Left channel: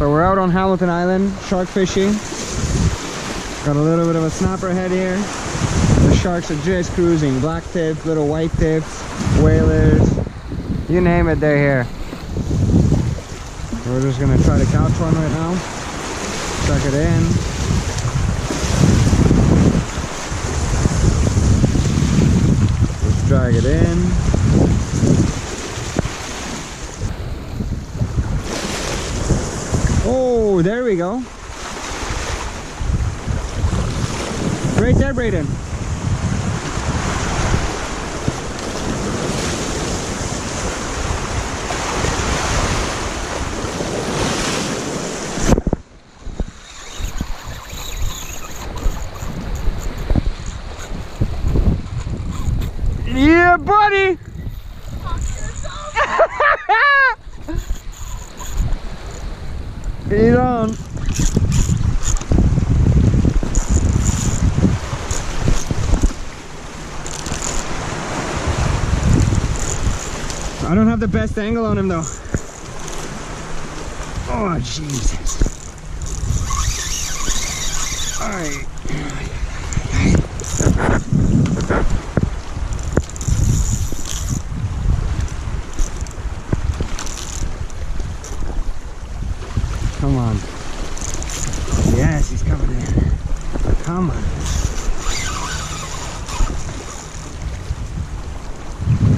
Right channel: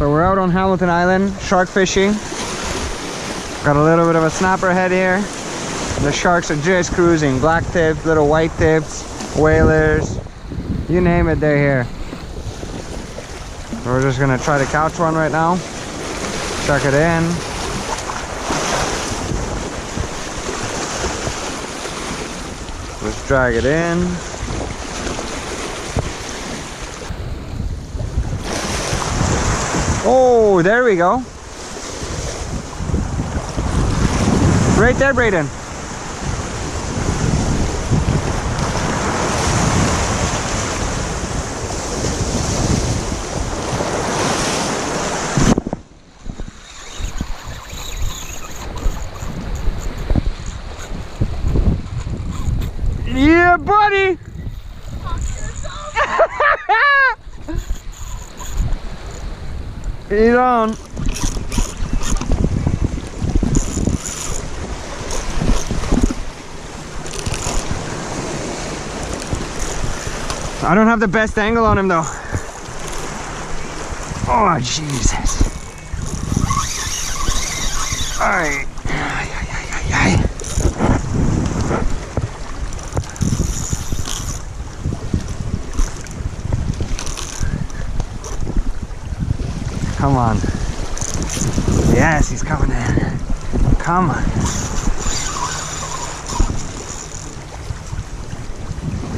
So we're out on Hamilton Island, shark fishing. Got a little bit of a snapper head here. The sharks are just cruising. Black tips, little white tips, whalers, you name it, they're here. So we're just gonna try to catch one right now. Chuck it in. Just drag it in. Oh, there we go. Right there, Brayden. Yeah, buddy. He's on. I don't have the best angle on him though. Oh, Jesus. All right. Come on. Yes, he's coming in. Come on.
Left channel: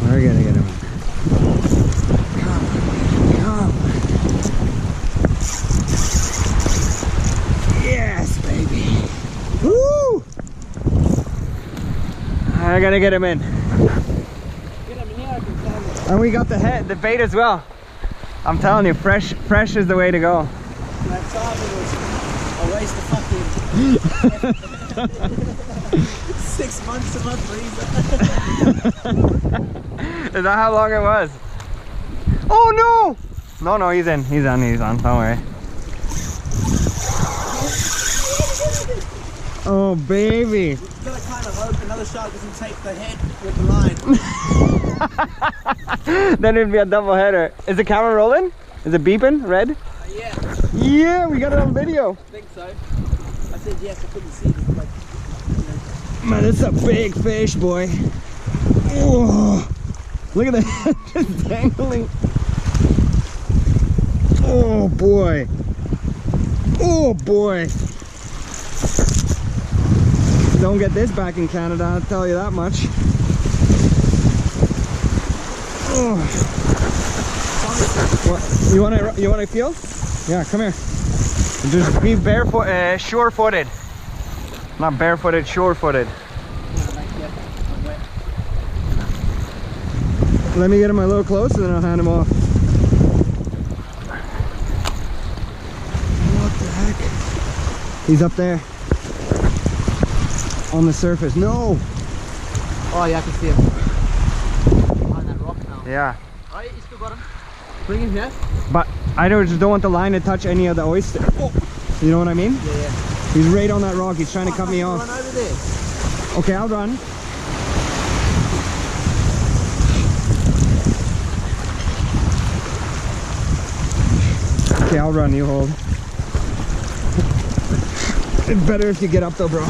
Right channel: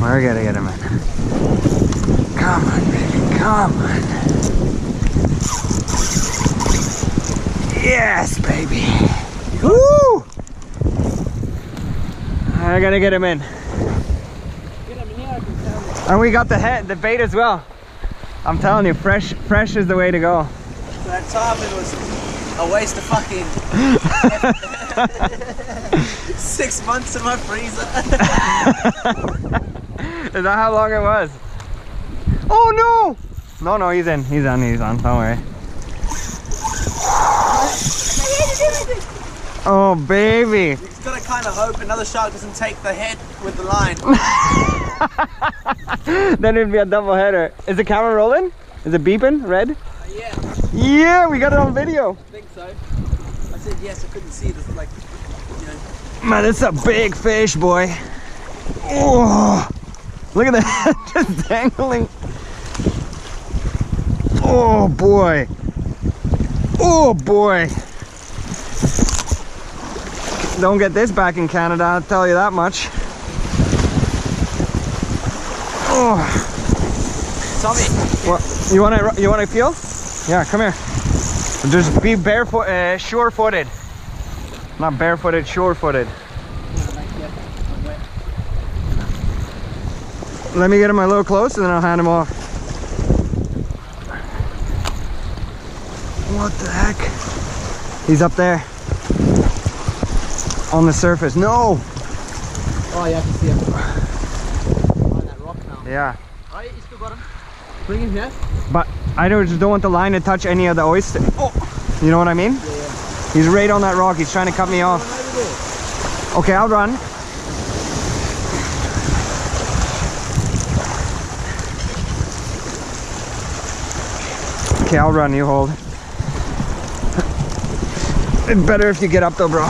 We're gonna get him in. Come on, baby. Come on. Yes, baby. Woo! I gotta get him in. And we got the bait as well. I'm telling you, fresh is the way to go. That time it was a waste of fucking 6 months in my freezer. Is that how long it was? Oh no! No, he's on, don't worry. Oh baby! You've got to kind of hope another shark doesn't take the head with the line. Then it'd be a double header. Is the camera rolling? Is it beeping? Red? Yeah. Yeah, we got it on video. I think so. I said yes, I couldn't see this, like, you know. Man, it's a big fish, boy. Oh, look at that, just dangling. Oh boy. Oh boy. Don't get this back in Canada, I'll tell you that much. Oh. Tommy. What? You want to feel? Yeah, come here. Just be barefoot, sure-footed. Not barefooted, sure-footed. Let me get him a little close and then I'll hand him off. What the heck? He's up there. On the surface. No! Oh yeah, I can see him. Behind that rock now. Yeah. Alright, you still got him. Bring him here. But I just don't want the line to touch any of the oyster. Oh! You know what I mean? Yeah, yeah. He's right on that rock. He's trying to cut me off. Run over there. Okay, I'll run. Okay, I'll run. You hold. It's better if you get up though, bro.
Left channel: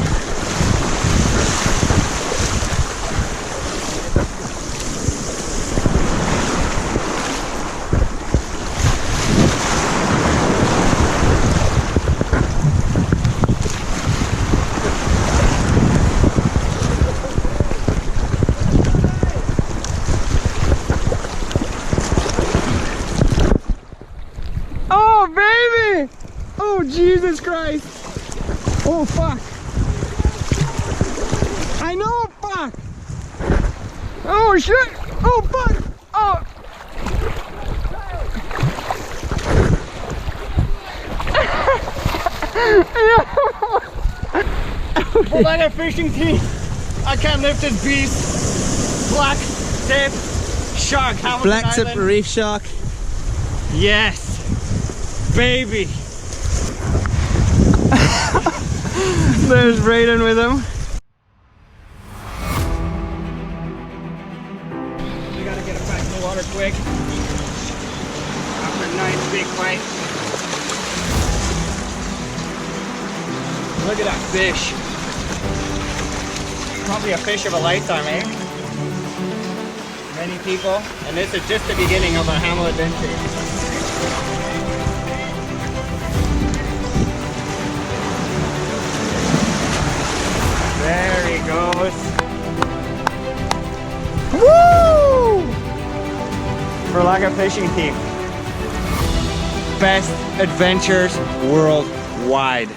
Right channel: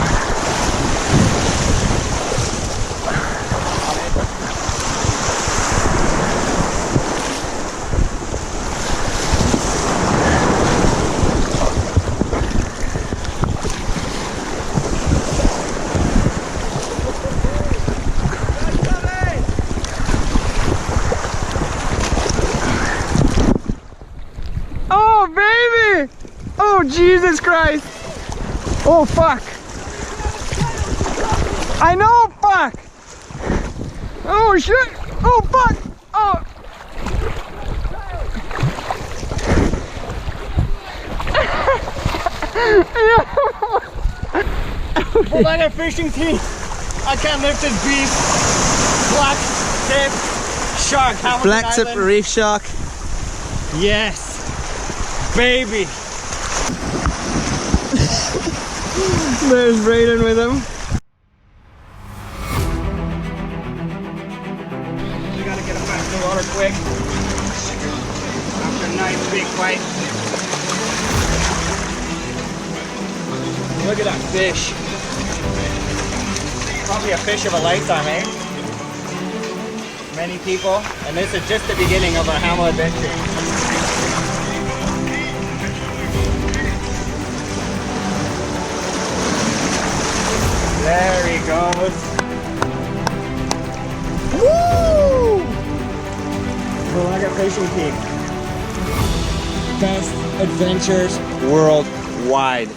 Oh, baby! Oh, Jesus Christ! Oh, fuck! I know, fuck! Oh, shit! Oh, fuck! Oh! Hold on, a fishing team! I can't lift this beast! Black tip shark! Black tip reef shark. Yes! Baby! There's Brayden with him. We gotta get him back in the water quick. After a nice big bite. look at that fish. Probably a fish of a lifetime, eh? Many people, and this is just the beginning of our Hamel adventure. There he goes. Woo! Berlaga fishing team. Best adventures worldwide.